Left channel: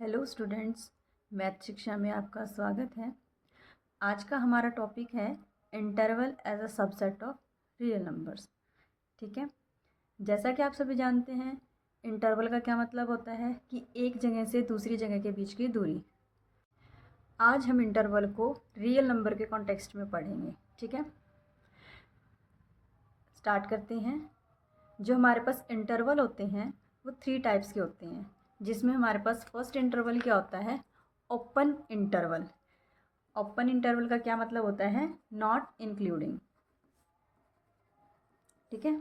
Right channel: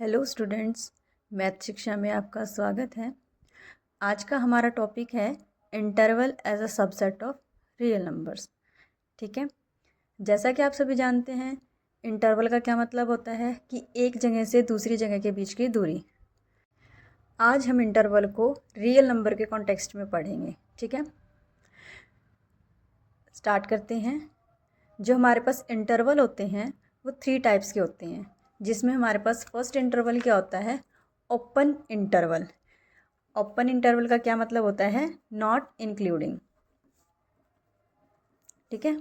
Hello students, math शिक्षा में आपका स्वागत है। आज का हमारा टॉपिक है interval as a subset of real numbers. ठीक है, जैसा कि आप सभी जानते हैं इंटरवल का क्या मतलब होता है कि एक जगह से दूसरी जगह के बीच की दूरी। आज हम इंटरवल को रियल नंबर के कॉन्टेक्स्ट में पढ़ेंगे। ठीक है, स्टार्ट करते हैं। जो हमारे पास इंटरवल होते हैं वो 3 टाइप्स के होते हैं, जिसमें हमारे पास फर्स्ट इंटरवल क्या होता है, ओपन इंटरवल। ओपन इंटरवल का क्या मतलब होता है, नॉट इंक्लूडिंग। ठीक है,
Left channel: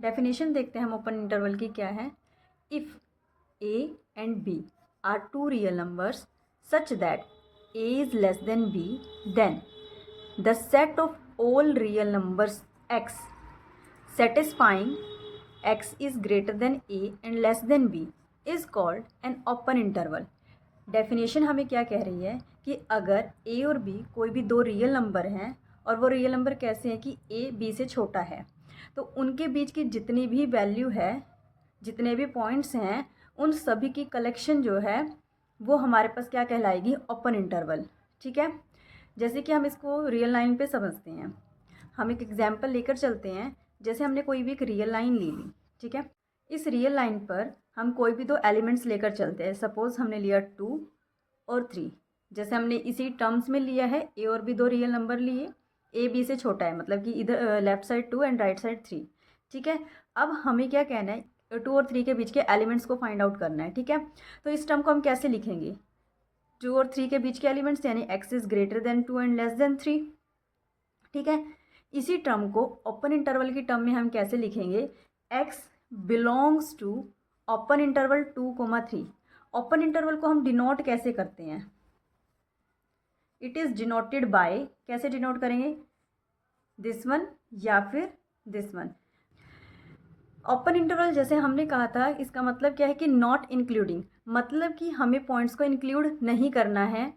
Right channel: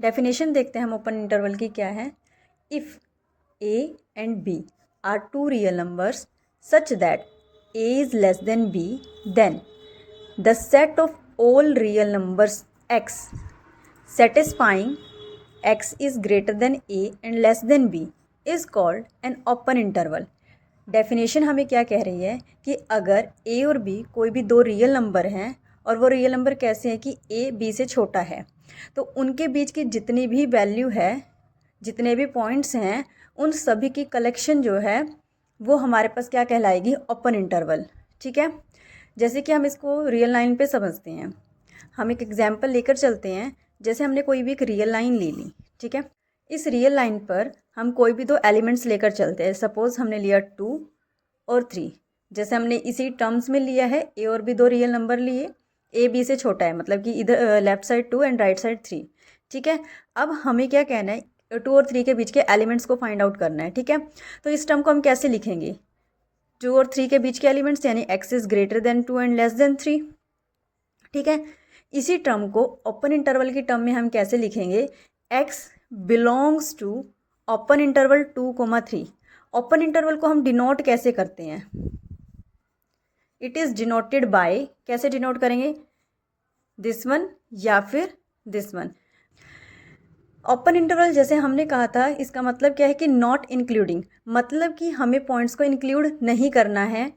डेफिनेशन देखते हैं हम ओपन इंटरवल की क्या है। If A and B are two real numbers such that A is less than B, then the set of all real numbers X satisfying x is greater than a and less than b is called an open interval। Definition हमें क्या कह रही है कि अगर a और b कोई भी दो रियल नंबर हैं और वो रियल नंबर कैसे हैं कि a b से छोटा है, तो उनके बीच की जितनी भी वैल्यू है, जितने भी पॉइंट्स हैं, उन सभी की कलेक्शन जो है वो हमारे पास क्या कहलाएगी, ओपन इंटरवल। ठीक है, जैसे कि हम इसको रियल लाइन पे समझते हैं। हम एक एग्जाम्पल लेकर चलते हैं। जैसे हमने कोई भी एक रियल लाइन ले ली। ठीक है, इस रियल लाइन पर हम कोई भी दो एलिमेंट्स लेकर चलते हैं। सपोज हमने लिया 2 और 3। जैसे हमने इसी टर्म्स में लिया है, ए और बी दो रियल नंबर लिए, ए बी से छोटा है, मतलब कि इधर left side 2 and right side 3। ठीक है, अब हमें क्या कहना है, 2 और 3 के बीच के एलिमेंट्स को फाइंड आउट करना है। ठीक है, तो इस टर्म को हम कैसे लिखेंगे, 2 और 3 के बीच के एलिमेंट्स यानी x is greater then 2 and less than 3। ठीक है, इसी टर्म को ओपन इंटरवल की टर्म में हम कैसे लिखेंगे, x belongs to open interval 2, 3। Open interval को हम डिनोट कैसे करते हैं, इट इज़ डिनोटेड बाय, कैसे डिनोट करेंगे, दिस वन या फिर दिस वन। ओपन इंटरवल जैसे हमने कहा था, इसका मतलब क्या है कि नॉट इंक्लूडिंग, मतलब कि हमें पॉइंट्स को इंक्लूड नहीं करना है,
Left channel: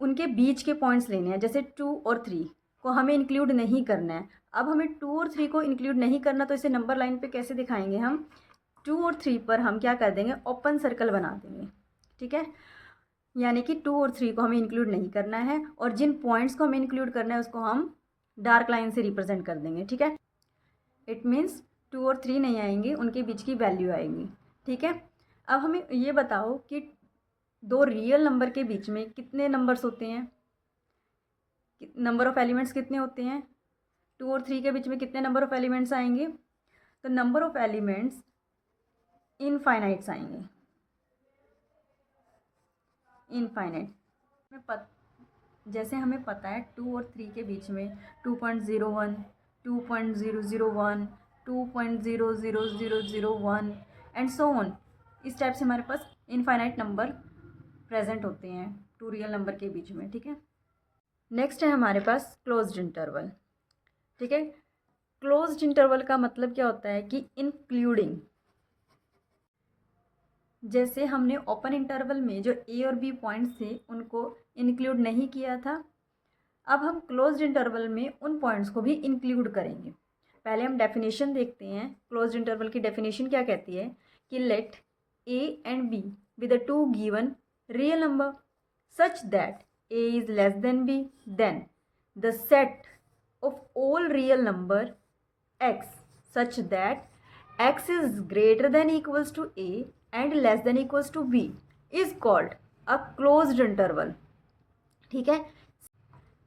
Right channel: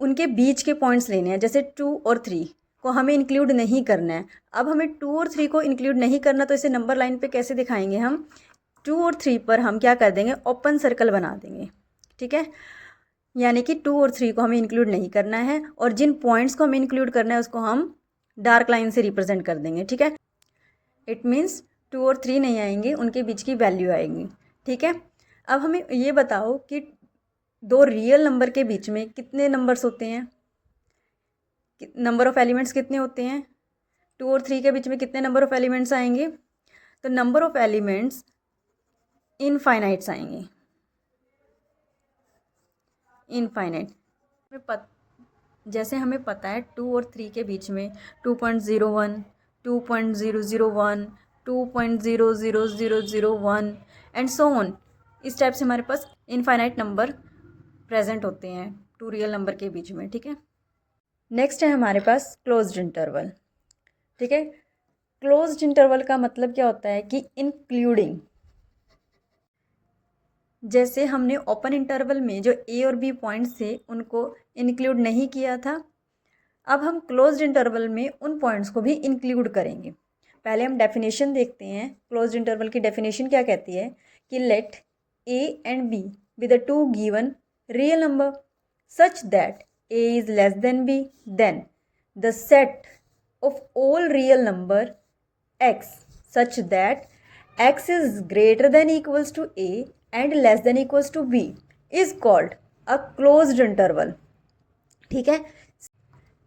उनके बीच के पॉइंट्स लेने हैं। जैसे 2 और 3 को हमें इंक्लूड नहीं करना है। अब हमें 2 और 3 को इंक्लूड नहीं करना, तो इसे नंबर लाइन पे कैसे दिखाएंगे हम, 2 और 3 पर हम क्या कर देंगे, ओपन सर्कल बना देंगे। ठीक है, यानी कि 2 और 3 को हमें इंक्लूड नहीं करना है, और जिन पॉइंट्स को हमें इंक्लूड करना है उसको हम डार्क लाइन से रिप्रेजेंट कर देंगे। ठीक है, इट मीन्स 2 और 3 नहीं आएंगे, उनके बीच की वैल्यू आएगी। ठीक है, अब हमें ये बताओ कि दो रियल नंबर के बीच में कितने नंबर्स होते हैं, नंबर ऑफ एलिमेंट्स कितने होते हैं, 2 और 3 के बीच में कितने नंबर ऑफ एलिमेंट्स आएंगे, तो नंबर ऑफ एलिमेंट्स इनफाइनाइट्स आएंगे, इनफाइनाइट। जैसे हमें पता है 2 और 3 के बीच में 2.01, 2.001, 2.00001 एंड सो ऑन, इस टाइप से हमारे पास इनफाइनाइट नंबर प्रेजेंट होते हैं टू रियल नंबर के बीच में। ठीक है, नेक्स्ट है हमारे पास क्लोज्ड इंटरवल। ठीक है, क्लोज्ड इंटरवल का मतलब क्या होता है कि इंक्लूडिंग। जैसे हमने ओपन इंटरवल में जो ए और बी पॉइंट्स थे उनको इंक्लूड नहीं किया था, अब हम क्लोज्ड इंटरवल में उन पॉइंट्स को भी इंक्लूड करेंगे। पहले हम डेफिनेशन देखते हैं। क्लोज्ड इंटरवल की डेफिनेशन क्या कहती है कि let A and B with the two given real number such that a is less than b, then the set of all real number x such that x is greater than equals to a and less than equals to b is called a closed interval। ठीक है,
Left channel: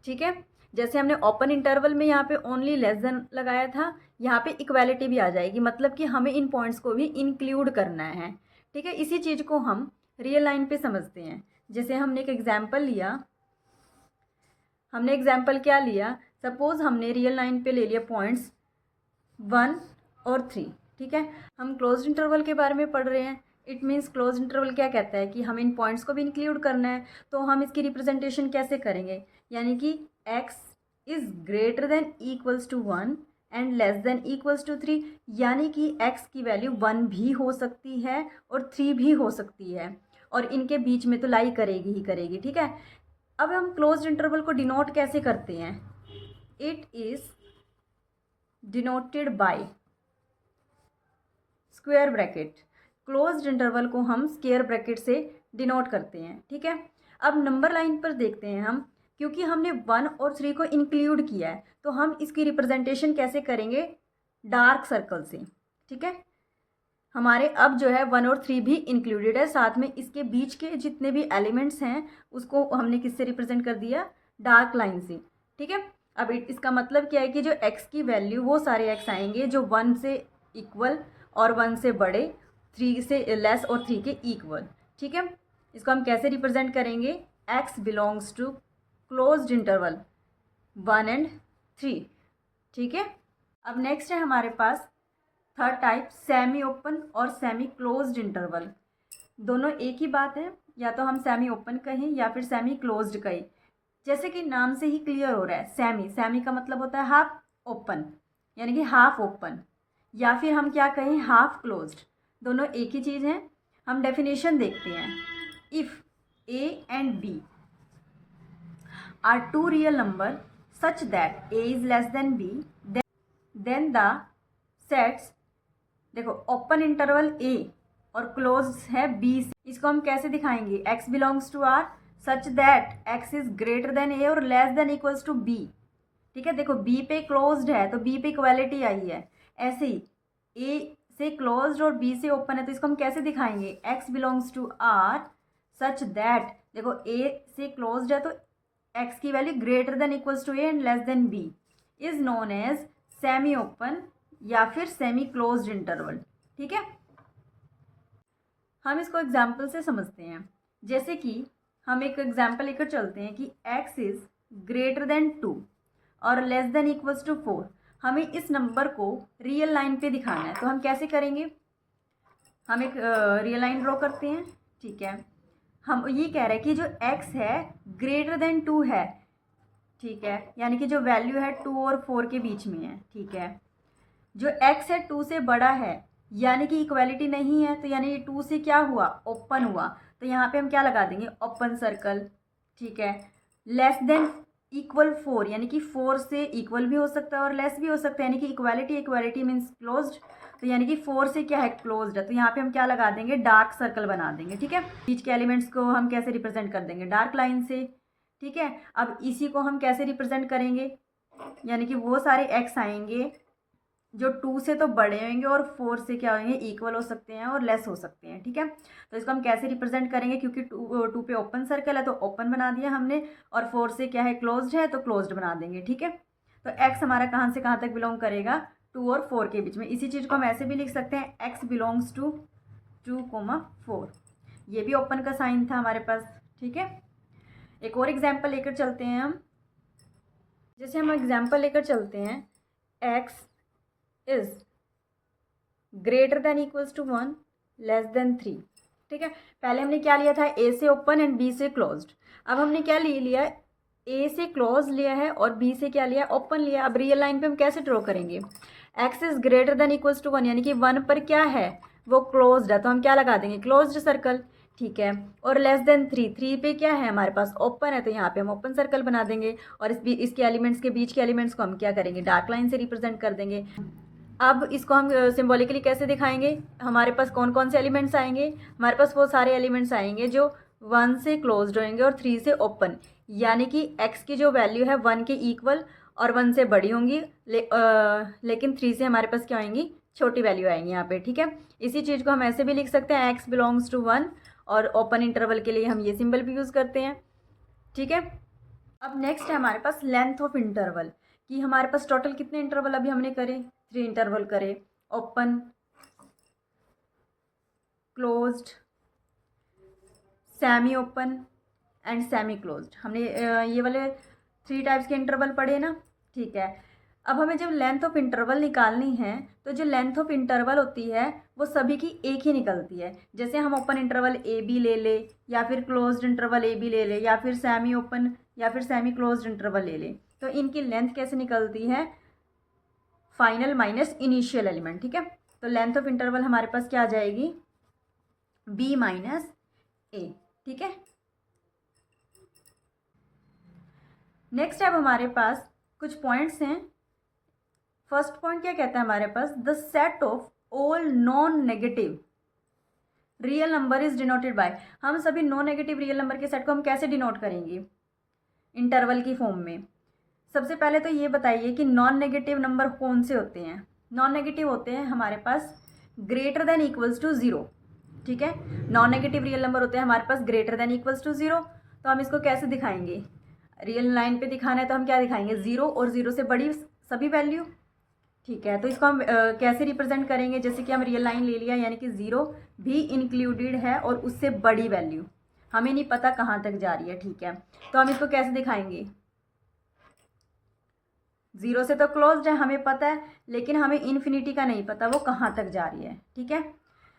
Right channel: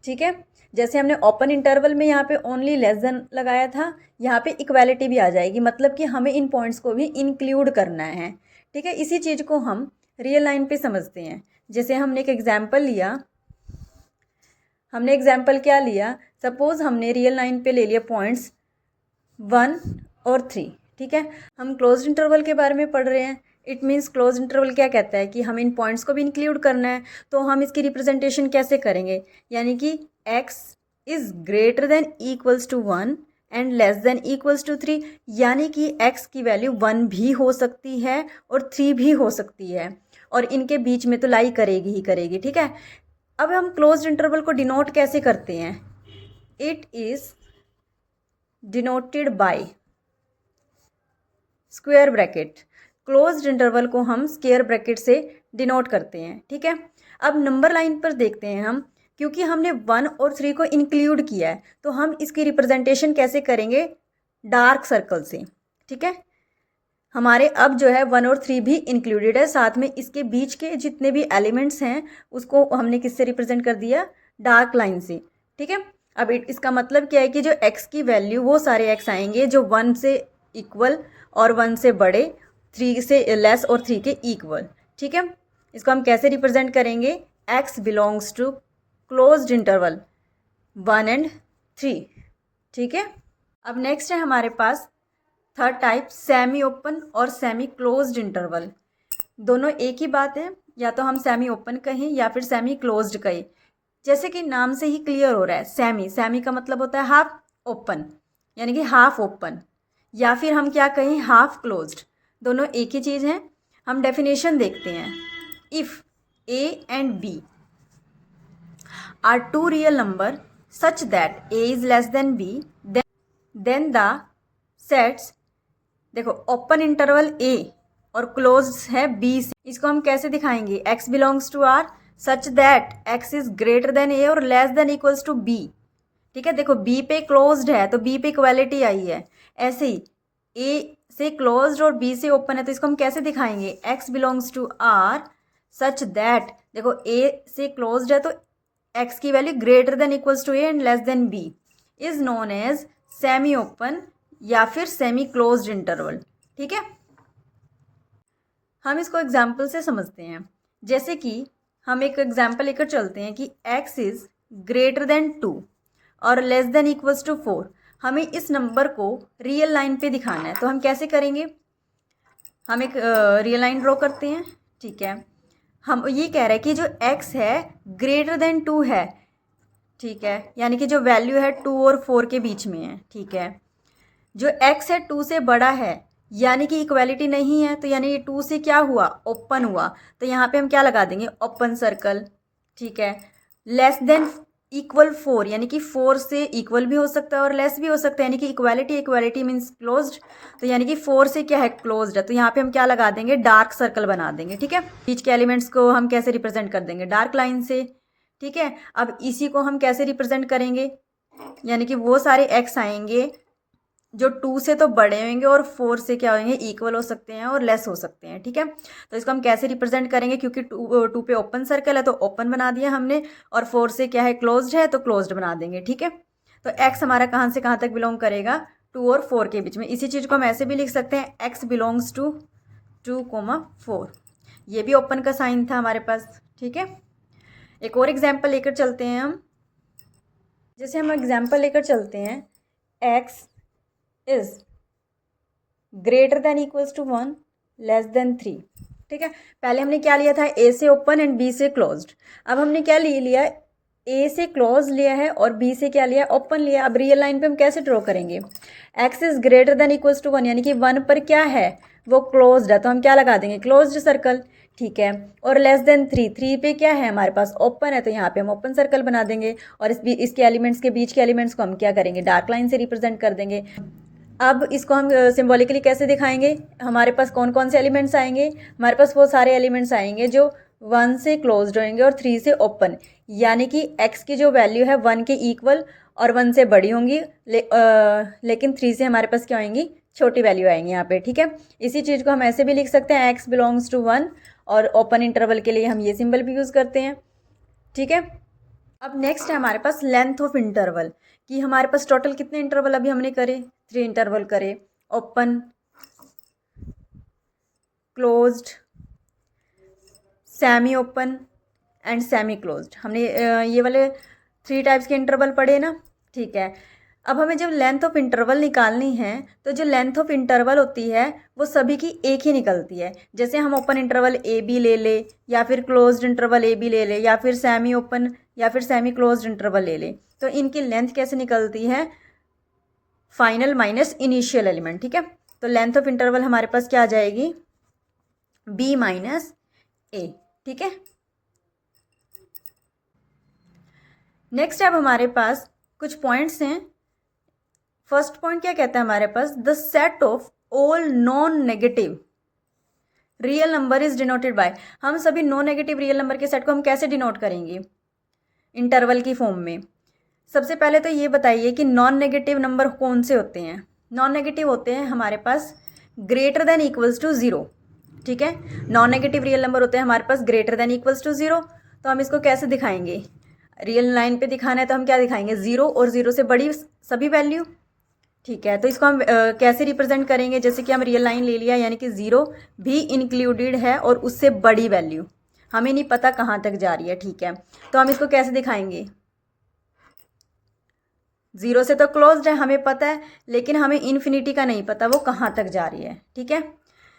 ठीक है, जैसे हमने open interval में यहाँ पे only less than लगाया था, यहाँ पे इक्वालिटी भी आ जाएगी, मतलब कि हमें इन पॉइंट्स को भी इंक्लूड करना है। ठीक है, इसी चीज़ को हम रियल लाइन पे समझते हैं। जैसे हमने एक एग्जाम्पल लिया, हमने एग्जाम्पल क्या लिया, सपोज हमने रियल लाइन पे ले लिया पॉइंट्स 1 और 3। ठीक है, हम क्लोज्ड इंटरवल के बारे में पढ़ रहे हैं। इट मीन्स क्लोज्ड इंटरवल क्या कहता है कि हमें इन पॉइंट्स को भी इंक्लूड करना है, तो हम इसकी रिप्रेजेंटेशन कैसे करेंगे, यानी कि x is greater than equals to 1 and less than equals to 3, यानी कि x की वैल्यू 1 भी हो सकती है और 3 भी हो सकती है, और इनके बीच में तो लाई करेगी ही करेगी। ठीक है, अब हम क्लोज्ड इंटरवल को डिनोट कैसे करते हैं, it is denoted bye square bracket. Closed interval को हम स्क्वायर ब्रैकेट से डिनोट करते हैं, ठीक है। अब नंबर लाइन पर देखते हैं हम, क्योंकि हमने 1 और 3 को इंक्लूड किया है तो हम इसकी रिप्रेजेंटेशन कैसे करेंगे, डार्क सर्कल से, ठीक है। हमारे अब जो है 1 और 3 भी इंक्लूडेड है, साथ में इसके बीच के जितने भी एलिमेंट्स हैं उसको हमने किससे रिप्रेजेंट कर दिया, डार्क लाइन से, ठीक है। अब इसका मतलब क्या है कि जो x की वैल्यू वो सारे x आएंगे जो 1 से इक्वल और 1 से बड़े, 3 से लेस और 3 के इक्वल, ठीक है। इसको हम कैसे रिप्रेजेंट करेंगे, x belongs to closed interval 1 and 3, ठीक है। अब नेक्स्ट है हमारे पास थर्ड टाइप, सेमी ओपन और सेमी क्लोज्ड इंटरवल। दोनों एक ही बात है, या तो हम सेमी ओपन कहें या फिर सेमी क्लोज्ड कहें। जैसे कि नाम से ही क्लियर हो रहा है, सेमी, सेमी का मतलब होता है हाफ ओपन, यानी कि हाफ ओपन, या फिर हम क्या कहें, हाफ क्लोज्ड, दोनों एक ही चीज़ है। हम डेफिनेशन देखते हैं, if a and B are two real number such that A is less than B, then the sets, देखो ओपन इंटरवल ए और क्लोज है बी से, इसको हम कैसे दिखाएंगे, x belongs to R such that x is greater than A और less than equals to B, ठीक है। देखो b पे क्लोज्ड है तो b पे इक्वालिटी आई है, ऐसे ही a से क्लोज्ड और b से ओपन है तो इसको हम कैसे दिखाएंगे, x belongs to R such that, देखो a से क्लोज्ड है तो x की value greater than equals to a and less than b is known as semi open या फिर सेमी क्लोज्ड इंटरवल, ठीक है। हम इसको एग्जाम्पल से समझते हैं, जैसे कि हम एक एग्जाम्पल लेकर चलते हैं कि x इज ग्रेटर देन 2 और लेस देन इक्वल्स टू 4। हमें इस नंबर को रियल लाइन पे दिखाना है तो हम कैसे करेंगे, हम एक रियल लाइन ड्रॉ करते हैं, ठीक है। हम ये कह रहे हैं कि जो x है ग्रेटर देन 2 है, ठीक है, यानी कि जो वैल्यू है 2 और 4 के बीच में है, ठीक है। जो x है 2 से बड़ा है, यानी कि इक्वालिटी नहीं है, तो यानी ये 2 से क्या हुआ, ओपन हुआ, तो यहाँ पे हम क्या लगा देंगे, ओपन सर्कल, ठीक है। लेस देन इक्वल 4, यानी कि 4 से इक्वल भी हो सकता है और लेस भी हो सकता है, यानी कि इक्वालिटी, इक्वालिटी मीन्स क्लोज्ड, तो यानी कि 4 से क्या है, क्लोज्ड है, तो यहाँ पे हम क्या लगा देंगे, डार्क सर्कल बना देंगे, ठीक है। बीच के एलिमेंट्स को हम कैसे रिप्रेजेंट कर देंगे, डार्क लाइन से, ठीक है। अब इसी को हम कैसे रिप्रेजेंट करेंगे, यानी कि वो सारे x आएंगे जो 2 से तो बड़े होंगे और 4 से क्या होंगे, इक्वल हो सकते हैं और लेस हो सकते हैं, ठीक है। तो इसको हम कैसे रिप्रेजेंट करेंगे, क्योंकि 2 पे ओपन सर्कल है तो ओपन बना दिया हमने, और 4 से क्या है, क्लोज्ड है तो क्लोज्ड बना देंगे, ठीक है। तो x हमारा कहाँ से कहाँ तक बिलोंग करेगा, 2 और 4 के बीच में। इसी चीज़ को हम ऐसे भी लिख सकते हैं, x बिलोंग्स टू 2, 4, ये भी ओपन का साइन था हमारे पास, ठीक है। एक और एग्जाम्पल लेकर चलते हैं हम, जैसे हम एग्जाम्पल लेकर चलते हैं, x is greater than equals to 1 less than 3, ठीक है। पहले हमने क्या लिया था, a से ओपन एंड b से क्लोज्ड। अब हमने क्या लिया, a से क्लोज लिया है और b से क्या लिया, ओपन लिया। अब रियल लाइन पे हम कैसे ड्रॉ करेंगे, x is greater than equals to 1, यानी कि 1 पर क्या है, वो क्लोज्ड है, तो हम क्या लगा देंगे, क्लोज्ड सर्कल, ठीक है। और लेस देन 3, 3 पे क्या है हमारे पास, ओपन है, तो यहाँ पे हम ओपन सर्कल बना देंगे, और इसके एलिमेंट्स के बीच के एलिमेंट्स को हम क्या करेंगे, डार्क लाइन से रिप्रेजेंट कर देंगे। अब इसको हम सिम्बॉलिकली कैसे दिखाएंगे, हमारे पास कौन कौन से एलिमेंट्स आएंगे, हमारे पास वो सारे एलिमेंट्स आएंगे जो 1 से क्लोज्ड होंगे और 3 से ओपन, यानी कि x की जो वैल्यू है 1 के इक्वल और 1 से बड़ी होंगी, लेकिन 3 से हमारे पास क्या आएंगी, छोटी वैल्यू आएंगी यहाँ पे, ठीक है। इसी चीज़ को हम ऐसे भी लिख सकते हैं, x बिलोंग्स टू 1, और ओपन इंटरवल के लिए हम ये सिंबल भी यूज़ करते हैं, ठीक है। अब नेक्स्ट है हमारे पास लेंथ ऑफ इंटरवल, कि हमारे पास टोटल कितने इंटरवल अभी हमने करे, 3 इंटरवल करे, open, closed, semi open and semi closed. हमने ये वाले 3 टाइप्स के इंटरवल पढ़े ना, ठीक है। अब हमें जब लेंथ ऑफ इंटरवल निकालनी है तो जो लेंथ ऑफ इंटरवल होती है वो सभी की एक ही निकलती है। जैसे हम ओपन इंटरवल ए बी ले ले, या फिर क्लोज्ड इंटरवल ए बी ले ले, या फिर सेमी ओपन या फिर सेमी क्लोज्ड इंटरवल ले ले, तो इनकी लेंथ कैसे निकलती है, फाइनल माइनस इनिशियल एलिमेंट, ठीक है। तो लेंथ ऑफ इंटरवल हमारे पास क्या आ जाएगी, b माइनस ए, ठीक है। नेक्स्ट अब हमारे पास कुछ पॉइंट्स हैं। फर्स्ट पॉइंट क्या कहता है हमारे पास, the set of all non negative real number is denoted by, हम सभी नॉन नेगेटिव रियल नंबर के सेट को हम कैसे डिनोट करेंगे इंटरवल की फॉर्म में। सबसे पहले तो ये बताइए कि नॉन नेगेटिव नंबर कौन से होते हैं। नॉन नेगेटिव होते हैं हमारे पास greater than equals to zero, ठीक है। नॉन नेगेटिव रियल नंबर होते हैं हमारे पास greater than equals to zero. तो हम इसको कैसे दिखाएंगे, रियल लाइन पे दिखाना है तो हम क्या दिखाएंगे, ज़ीरो और ज़ीरो से बड़ी सभी वैल्यू, ठीक है। तो इसको हम कैसे रिप्रेजेंट करेंगे, जैसे कि हम रियल लाइन ले लिया यानी कि ज़ीरो भी इंक्लूडेड है और उससे बड़ी वैल्यू, हमें नहीं पता कहाँ तक जा रही है, ठीक है। तो हम इसको कैसे दिखाएंगे, ज़ीरो से तो क्लोज्ड है हमें पता है, लेकिन हमें इन्फिनिटी का नहीं पता वो कहाँ तक जा रही है, ठीक है।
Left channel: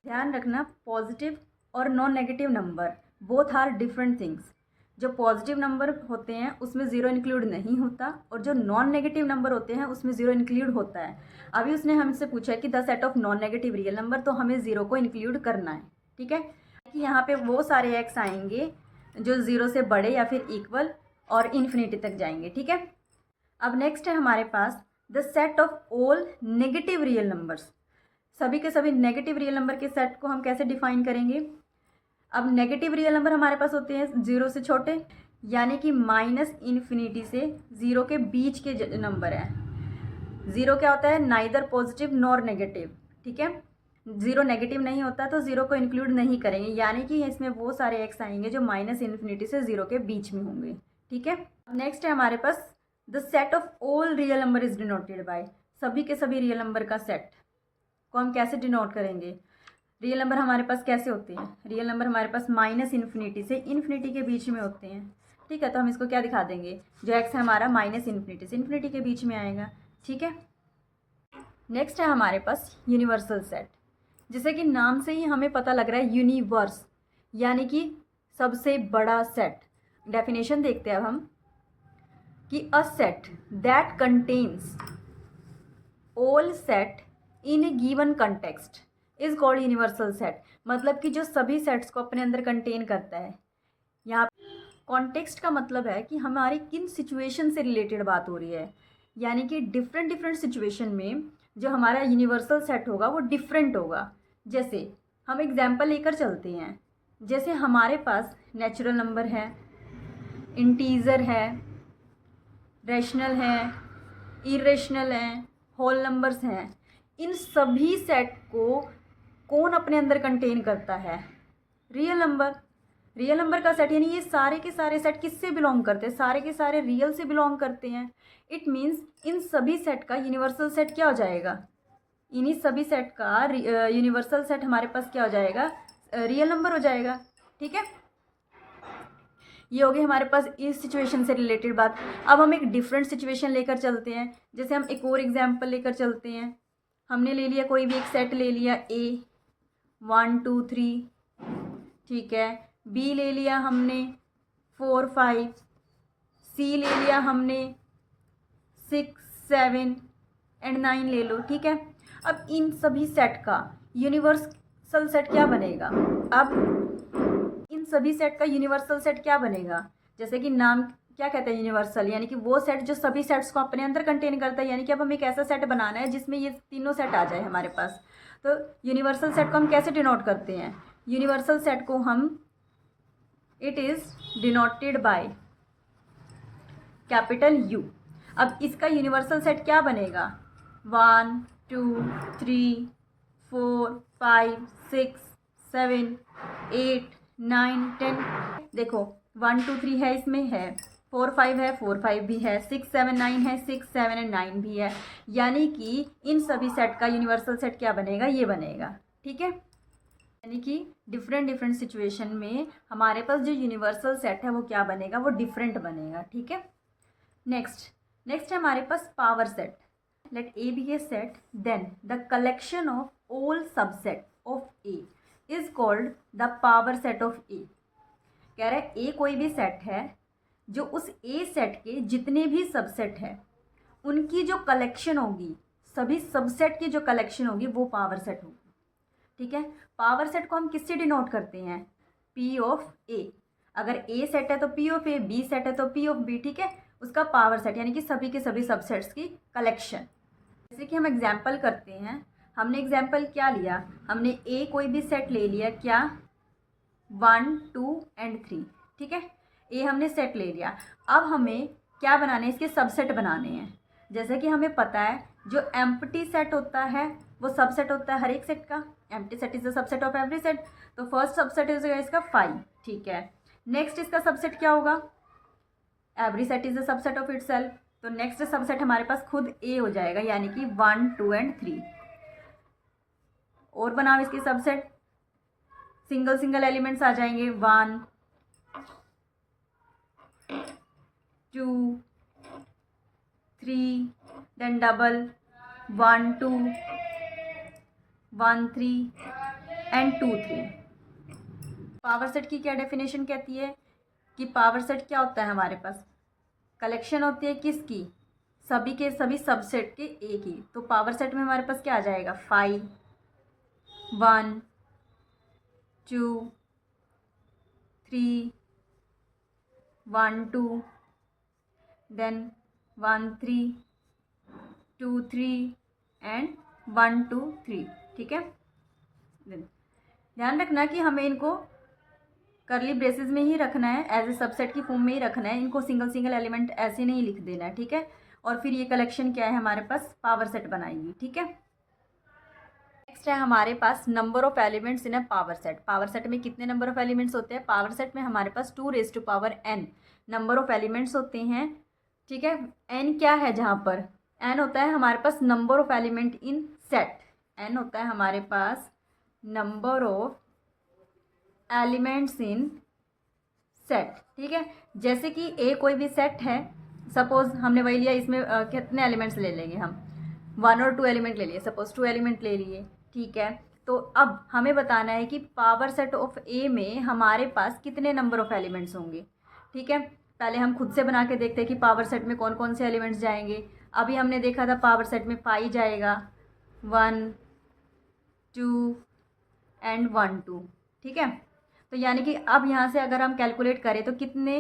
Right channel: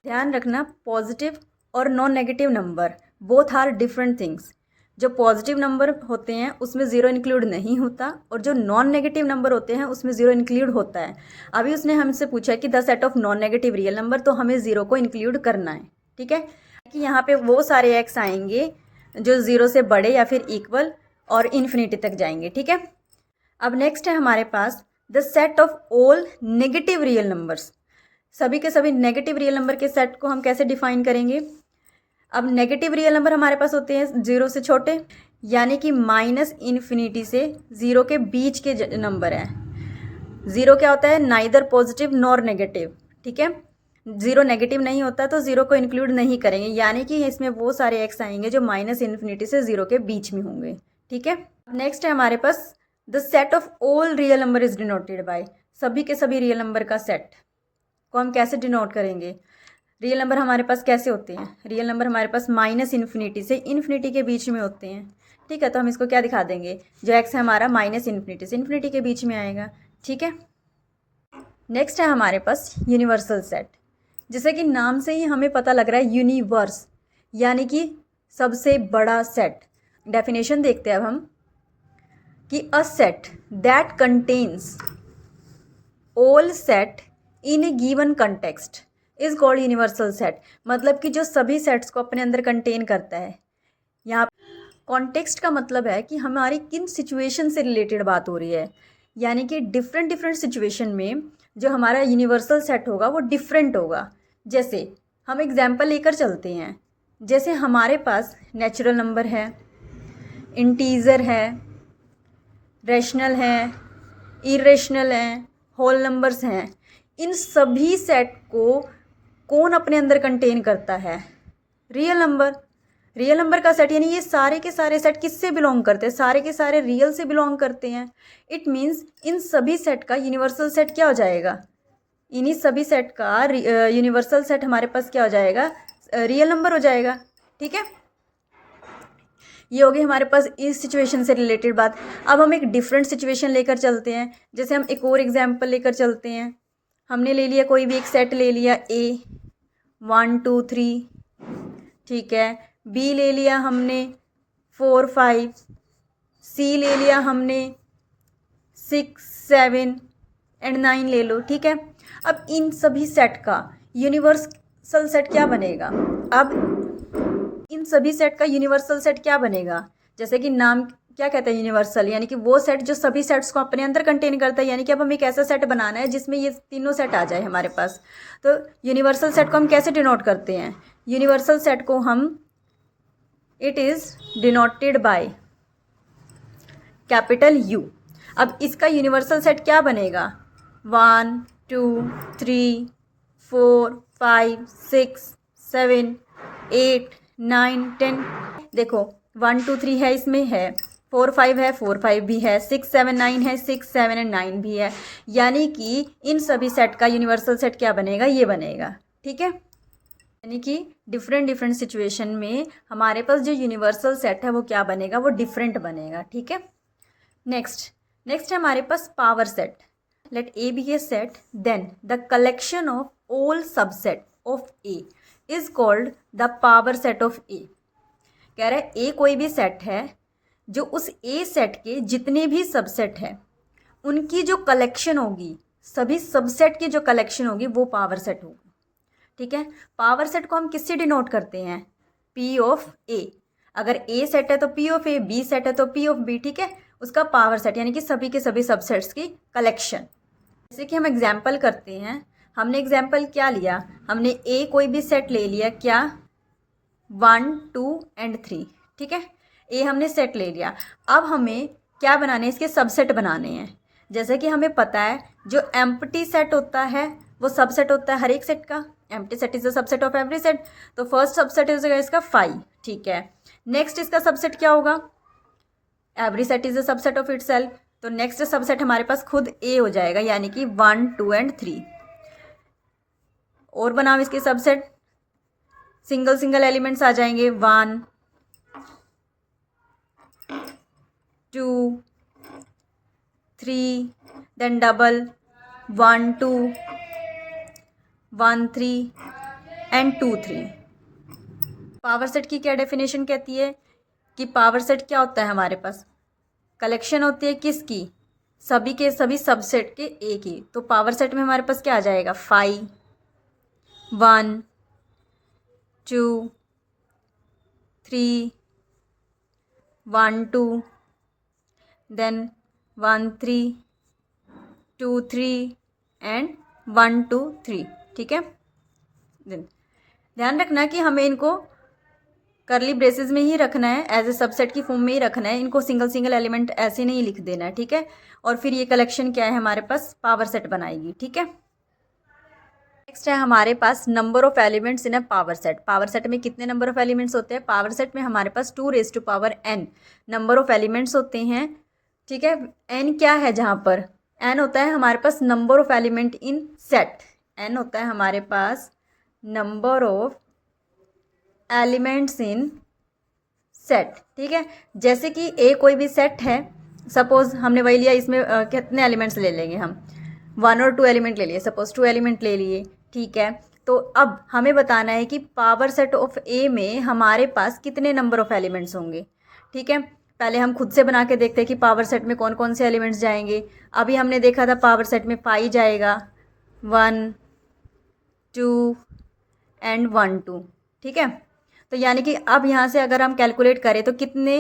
ध्यान रखना पॉजिटिव और non negative number both are different things. जो पॉजिटिव नंबर होते हैं उसमें ज़ीरो इंक्लूड नहीं होता और जो नॉन नेगेटिव नंबर होते हैं उसमें ज़ीरो इंक्लूड होता है। अभी उसने हमसे पूछा कि the set of non negative real number, तो हमें ज़ीरो को इंक्लूड करना है, ठीक है। कि यहाँ पे वो सारे एक्स आएंगे जो ज़ीरो से बड़े या फिर इक्वल और इन्फिनिटी तक जाएंगे, ठीक है। अब नेक्स्ट है हमारे पास the set of all negative real numbers. सभी के सभी नेगेटिव रियल नंबर के सेट को हम कैसे डिफाइन करेंगे। अब नेगेटिव रियल नंबर हमारे पास होते हैं ज़ीरो से छोटे, यानी कि माइनस इन्फिनिटी से ज़ीरो के बीच के नंबर हैं। ज़ीरो क्या होता है, नाइदर पॉजिटिव नॉर नेगेटिव, ठीक है। ज़ीरो नेगेटिव नहीं होता तो ज़ीरो को इंक्लूड नहीं करेंगे, यानी कि इसमें वो सारे एक्स आएंगे जो माइनस इन्फिनिटी से ज़ीरो के बीच में होंगे, ठीक है। नेक्स्ट है हमारे पास the set of all real number is denoted by, सभी के सभी रियल नंबर का सेट को हम कैसे डिनोट करेंगे। रियल नंबर हमारे पास कैसे होते हैं, रियल नंबर हमारे पास माइनस इन्फिनिटी से इन्फिनिटी के बीच में होते हैं, ठीक है। तो हम इसको क्या दिखा देंगे, जो एक्स है हमारा माइनस इन्फिनिटी से इन्फिनिटी के बीच में आएगा, ठीक है। नेक्स्ट है हमारे पास यूनिवर्सल सेट, जैसे कि नाम से ही हमें पता लग रहा है यूनिवर्स यानी कि सबसे बड़ा सेट। डेफिनेशन देखते हैं अब हम कि a set that contains all set in A given context is called universal set. मतलब कि जो सभी सेट्स को अपने अंदर कंटेन करता है। यहाँ कॉन्टेक्स्ट का मतलब है कि हमारी किन सिचुएशन से रिलेटेड बात हो रही है, यानी कि डिफरेंट डिफरेंट सिचुएशन में जो हमारा यूनिवर्सल सेट होगा वो डिफरेंट होगा। जैसे हम एग्जाम्पल लेकर चलते हैं, जैसे हमारे पास नेचुरल नंबर है, इंटीजर है, रैशनल है, इरेशनल है, होल नंबर्स हैं। इन सभी सेट को कौन अपने अंदर कंटेन करता है, रियल नंबर। रियल नंबर का सेट यानी ये सारे के सारे सेट किससे बिलोंग करते हैं, सारे के सारे रियल से बिलोंग करते हैं। इट मीन्स इन सभी सेट का यूनिवर्सल सेट क्या हो जाएगा, इन्हीं सभी सेट का यूनिवर्सल सेट हमारे पास क्या हो जाएगा, रियल नंबर हो जाएगा, ठीक है। ये होगी हमारे पास इस सिचुएशन से रिलेटेड बात। अब हम एक डिफरेंट सिचुएशन लेकर चलते हैं, जैसे हम एक और एग्जाम्पल लेकर चलते हैं। हमने ले लिया कोई भी एक सेट ले लिया ए 1 2 3, ठीक है। बी ले लिया हमने 4 5, सी ले लिया हमने 6 7 एंड 9 ले लो, ठीक है। अब इन सभी सेट का यूनिवर्सल सेट क्या बनेगा, अब इन सभी सेट का यूनिवर्सल सेट क्या बनेगा, जैसे कि नाम क्या कहता है यूनिवर्सल, यानी कि वो सेट जो सभी सेट्स को अपने अंदर कंटेन करता है। यानी कि अब हमें एक ऐसा सेट बनाना है जिसमें ये तीनों सेट आ जाए हमारे पास। तो यूनिवर्सल सेट को हम कैसे डिनोट करते हैं, यूनिवर्सल सेट को हम it is denoted by capital you. अब इसका यूनिवर्सल सेट क्या बनेगा, 1 2 3 4 5 6 7 8 9 10। देखो 1 2 3 है, इसमें है 4 5 है, 4 5 भी है, 6 7 9 है, 6 7 एंड 9 भी है। यानी कि इन सभी सेट का यूनिवर्सल सेट क्या बनेगा, ये बनेगा, ठीक है। यानी कि डिफरेंट डिफरेंट सिचुएशन में हमारे पास जो यूनिवर्सल सेट है वो क्या बनेगा, वो डिफरेंट बनेगा, ठीक है। नेक्स्ट है हमारे पास power set. Let A be a set then the collection of all subset of A is called the power set of A. कह रहा है ए कोई भी सेट है जो उस ए सेट के जितने भी सबसेट हैं उनकी जो कलेक्शन होगी, सभी सबसेट की जो कलेक्शन होगी वो पावर सेट होगी, ठीक है। पावर सेट को हम किससे डिनोट करते हैं, पी ऑफ ए। अगर ए सेट है तो P of A, B set है तो पी ऑफ बी, ठीक है। उसका पावर सेट यानी कि सभी के सभी सबसेट्स की कलेक्शन। जैसे कि हम एग्जाम्पल करते हैं, हमने एग्जाम्पल क्या लिया, हमने ए कोई भी सेट ले लिया, क्या 1 2 एंड 3, ठीक है, ए हमने सेट ले लिया। अब हमें क्या बनाने हैं, इसके सबसेट बनाने हैं। जैसे कि हमें पता है जो एम्प्टी सेट होता है वो सबसेट होता है हर एक सेट का, empty set is the subset of every set. तो फर्स्ट सबसेट हो जाएगा इसका 5, ठीक है। नेक्स्ट इसका सबसेट क्या होगा, every set is the subset of itself, तो नेक्स्ट सबसेट हमारे पास खुद ए हो जाएगा, यानी कि 1 2 एंड 3। और बनाओ इसके सबसेट, सिंगल सिंगल एलिमेंट्स आ जाएंगे, 1 2 3, then double 1 2 1 3 and 2 3। Power set की क्या डेफिनेशन कहती है कि पावर सेट क्या होता है, हमारे पास कलेक्शन होती है किसकी, सभी के सभी सबसेट के ए की। तो पावर सेट में हमारे पास क्या आ जाएगा, 5 1 2 3 1 2 देन 1 3 2 3 एंड 1 2 3, ठीक है। ध्यान रखना कि हमें इनको करली ब्रेसेस में ही रखना है, एज ए सबसेट की फॉर्म में ही रखना है, इनको सिंगल सिंगल एलिमेंट ऐसे नहीं लिख देना है, ठीक है। और फिर ये कलेक्शन क्या है हमारे पास, पावर सेट बनाएगी, ठीक है। नेक्स्ट है हमारे पास number of elements in a power set. Power set में कितने नंबर ऑफ एलिमेंट्स होते हैं, पावर सेट में हमारे पास 2n नंबर ऑफ एलिमेंट्स होते हैं, ठीक है। n क्या है, जहाँ पर n होता है हमारे पास number of element in set, n होता है हमारे पास number of elements in set, ठीक है। जैसे कि ए कोई भी सेट है, सपोज हमने वही लिया, इसमें कितने एलिमेंट्स ले लेंगे हम, 1 और 2 एलिमेंट ले लिए, सपोज 2 एलिमेंट ले लिए, ठीक है। तो अब हमें बताना है कि पावर सेट ऑफ ए में हमारे पास कितने नंबर ऑफ एलिमेंट्स होंगे, ठीक है। पहले हम खुद से बना के देखते हैं कि पावर सेट में कौन कौन से एलिमेंट्स जाएंगे। अभी हमने देखा था पावर सेट में 5 जाएगा, 1 2 एंड 1 2, ठीक है। तो यानी कि अब यहाँ से अगर हम कैलकुलेट करें तो कितने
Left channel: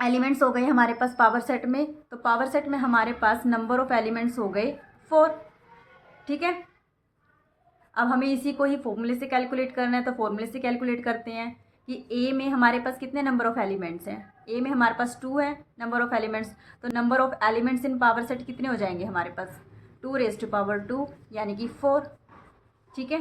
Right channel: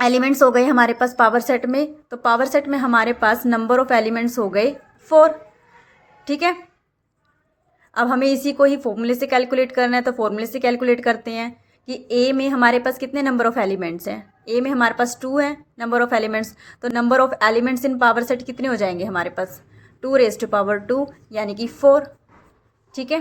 एलिमेंट्स हो गए हमारे पास पावर सेट में, तो पावर सेट में हमारे पास नंबर ऑफ एलिमेंट्स हो गए 4, ठीक है। अब हमें इसी को ही फॉर्मूले से कैलकुलेट करना है, तो फॉर्मूले से कैलकुलेट करते हैं कि ए में हमारे पास कितने नंबर ऑफ एलिमेंट्स हैं, ए में हमारे पास 2 है नंबर ऑफ एलिमेंट्स, तो number of elements in power set कितने हो जाएंगे हमारे पास, 2 raised to power 2 यानी कि 4, ठीक है।